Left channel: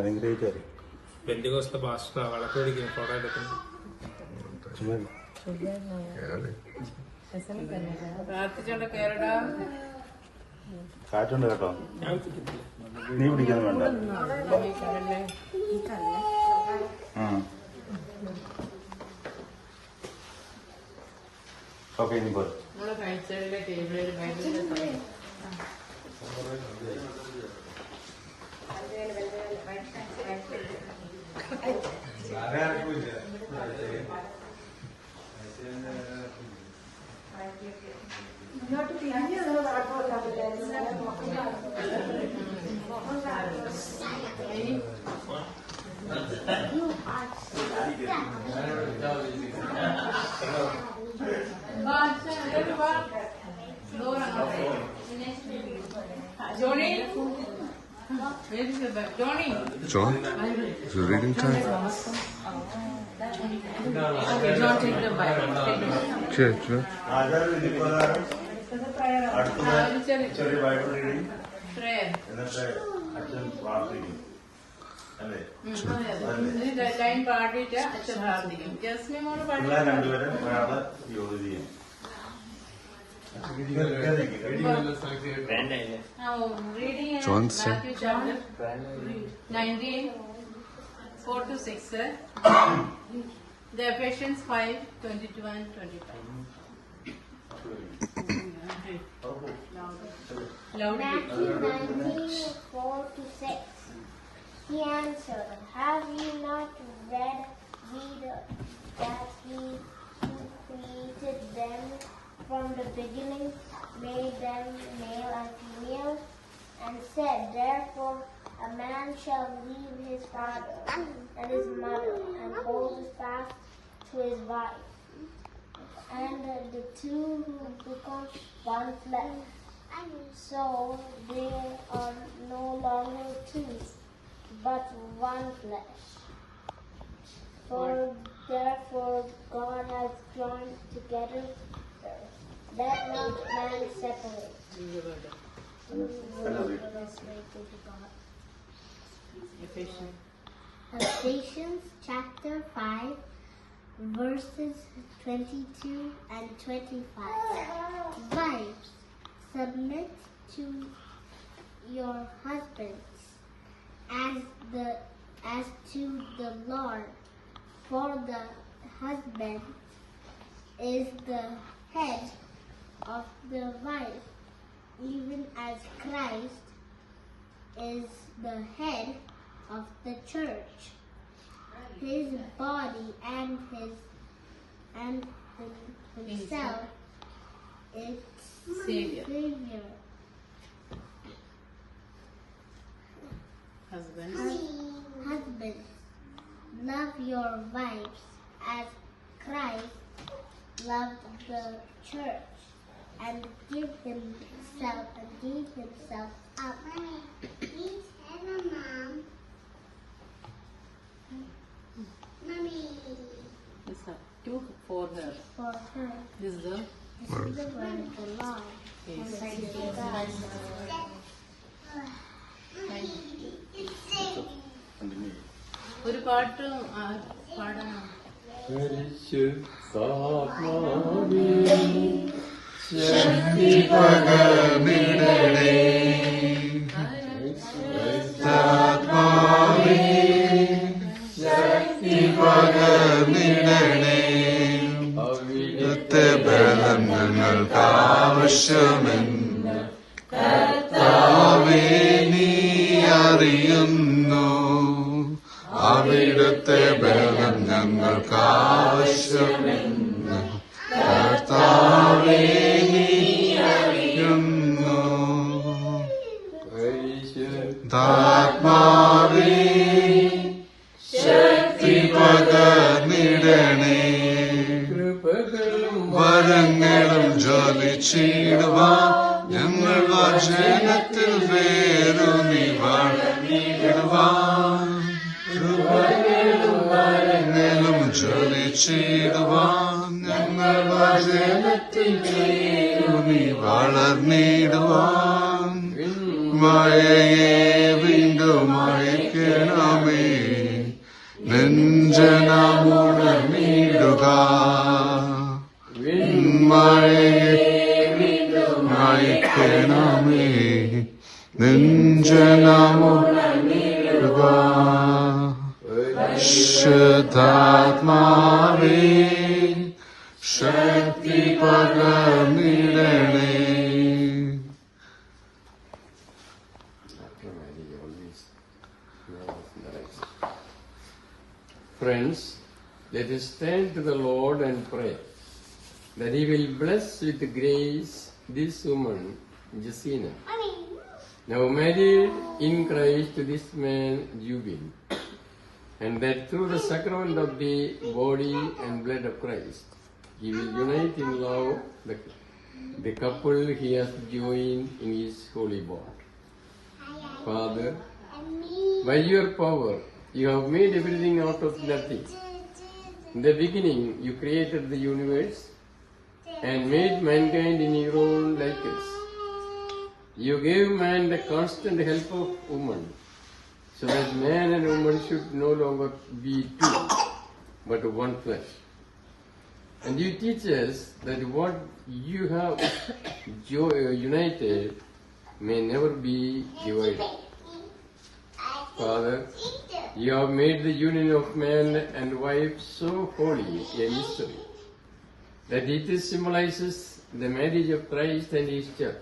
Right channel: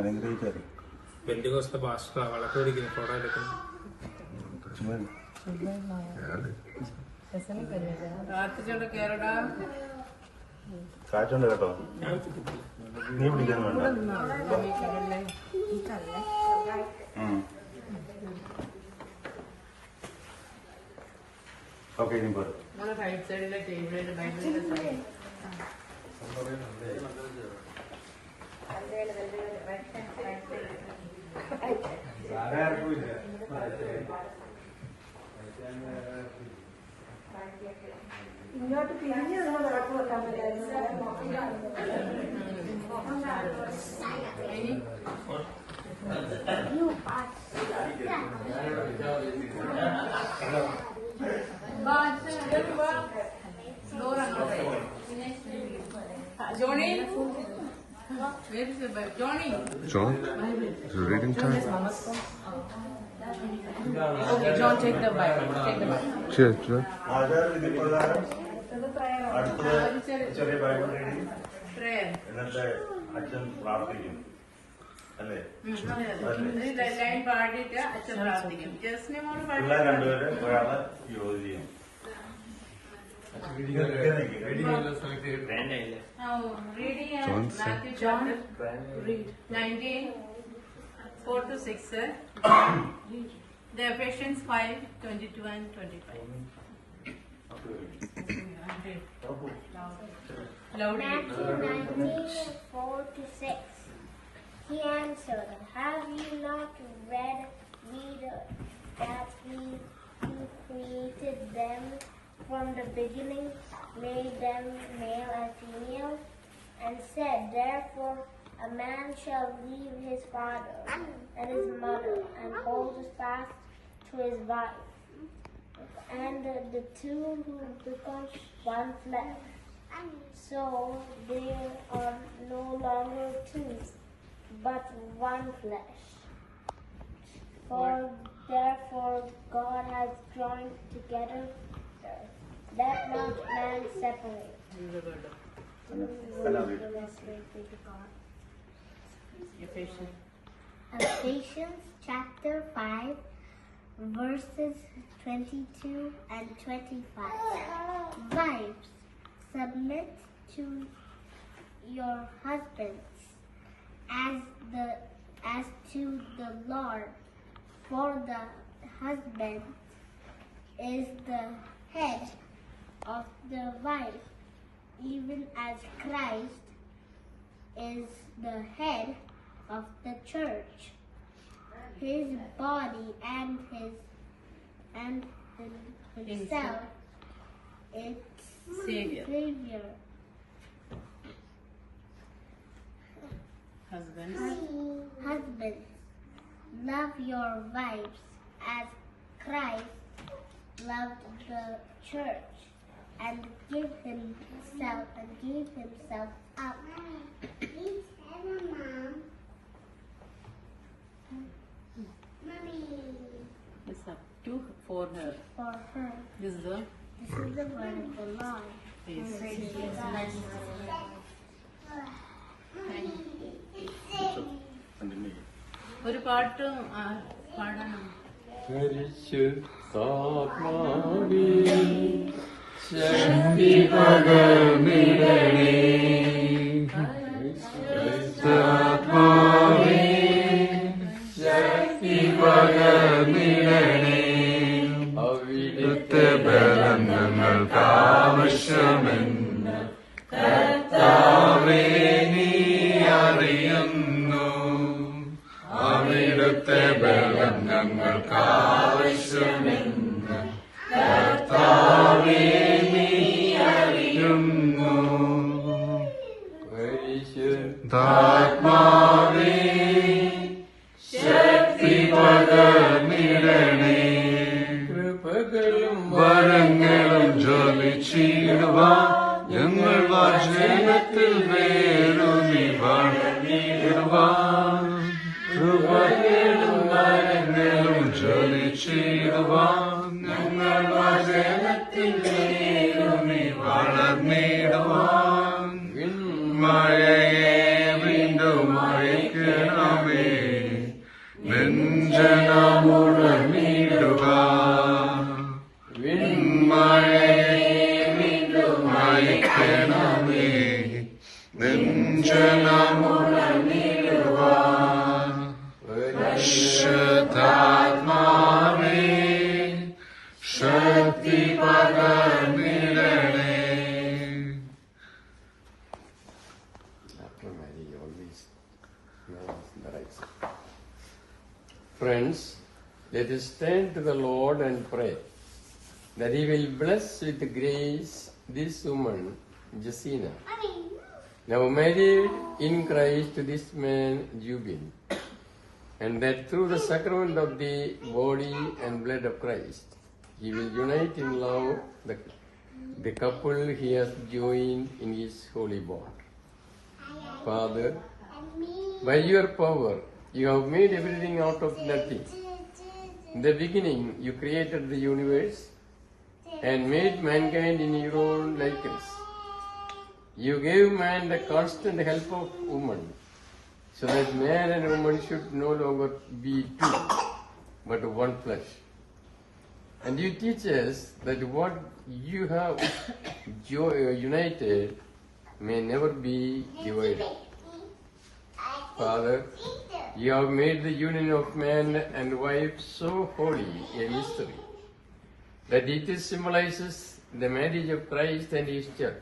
അനുഗ്രഹിച്ചാൽ പെന്തിക്കോസ്തേ പാസ്റ്റർ വിളക്ക് പിടിക്കുന്നു, ഫോട്ടോ എടുക്കുന്നു. കാറ്റുണ്ട് കേട്ടോ, നീ പിടിക്കാൻ വേണ്ട. ഓക്കെ, ഇനി പോ. ഇങ്ങോട്ട് പിന്നെയുള്ള John, is it reading time? Okay, John, take the Bible. Okay, sure. ചെറിയ ബൈബിൾ റീഡിങ്, Prayer. എന്നിട്ട് അച്ഛൻ പ്രാർത്ഥിക്കും അല്ലേ? ലൈൻ പാടിയിട്ട് അച്ഛൻ പ്രാർത്ഥിക്കും. ജസ്മി മോള് പിള്ളേർ രണ്ടുപേരും ഒരാള് ജോലി ചെയ്യും. John 19:4-6. The Ephesians 5:22 and 25. Matthew 19:4-6. He answered, "Have you not read that He who created them from the beginning made them male and female, and said, therefore a man shall leave his father and his mother and hold fast to his wife, and the two will become one flesh. So there are no longer two, but one flesh. For therefore God has joined together, let not man separate." Ephesians chapter 5, verses 22 and 25. Wives, submit to your husbands as to the Lord, for the husband is the head of the wife, even as Christ is the head of the church, his body, and himself its Savior. Husbands, love your wives as Christ loved the church and gave himself up. Please have a mom. Mommy. this is two for her. For her. This is the This is the word of the Lord. Yes. Praise God. ഒരു പാട്ട് പാടണം. ശക്തി പകർന്നിടണേ, ആത്മാവേ ശക്തി പകർന്നിടണേ, അവിടുത്തെ ബലം ഞങ്ങൾക്ക് ആവശ്യമെന്ന് കർത്താവേ നീ അറിയുന്നു. അവിടുത്തെ ബലം ഞങ്ങൾക്ക് ആവശ്യമെന്ന് കർത്താവേ നീ അറിയുന്നു. ആത്മാവേ ശക്തി പകർന്നിടണേ, വരങ്ങളും ജ്വലിച്ചിടുവാൻ ഞങ്ങൾ വചനത്തിൽ വേരൂന്നി വളർന്നിടുവാൻ, വരങ്ങളും ജ്വലിച്ചിടുവാൻ ഞങ്ങൾ വചനത്തിൽ വേരൂന്നി വളർന്നിടുവാൻ, മഴയെ അയക്കണമേ നെഞ്ചനമുടനീടുക മഴയെ അയക്കണമേ നെഞ്ചനമുടനീടുക ശുദ്ധാത്മാവേ ശക്തി പകർന്നിടണേ. Friends, let us turn to the Lord and pray that He will bless with grace this woman, Jacina, now married in Christ to this man, Jubin, and that through the sacrament of the body and blood of Christ, He will unite in love the couple He has joined in His holy bond. Father, by your power, you have made everything out of nothing. In the beginning, you created the universe and made mankind in your own likeness. You gave man the constant help of woman, so that man and woman should no longer be two, but one flesh. And you teach us that what you have united may never be divided. Father, you have made the union of man and wife so holy a mystery that it symbolizes the marriage of Christ and His church.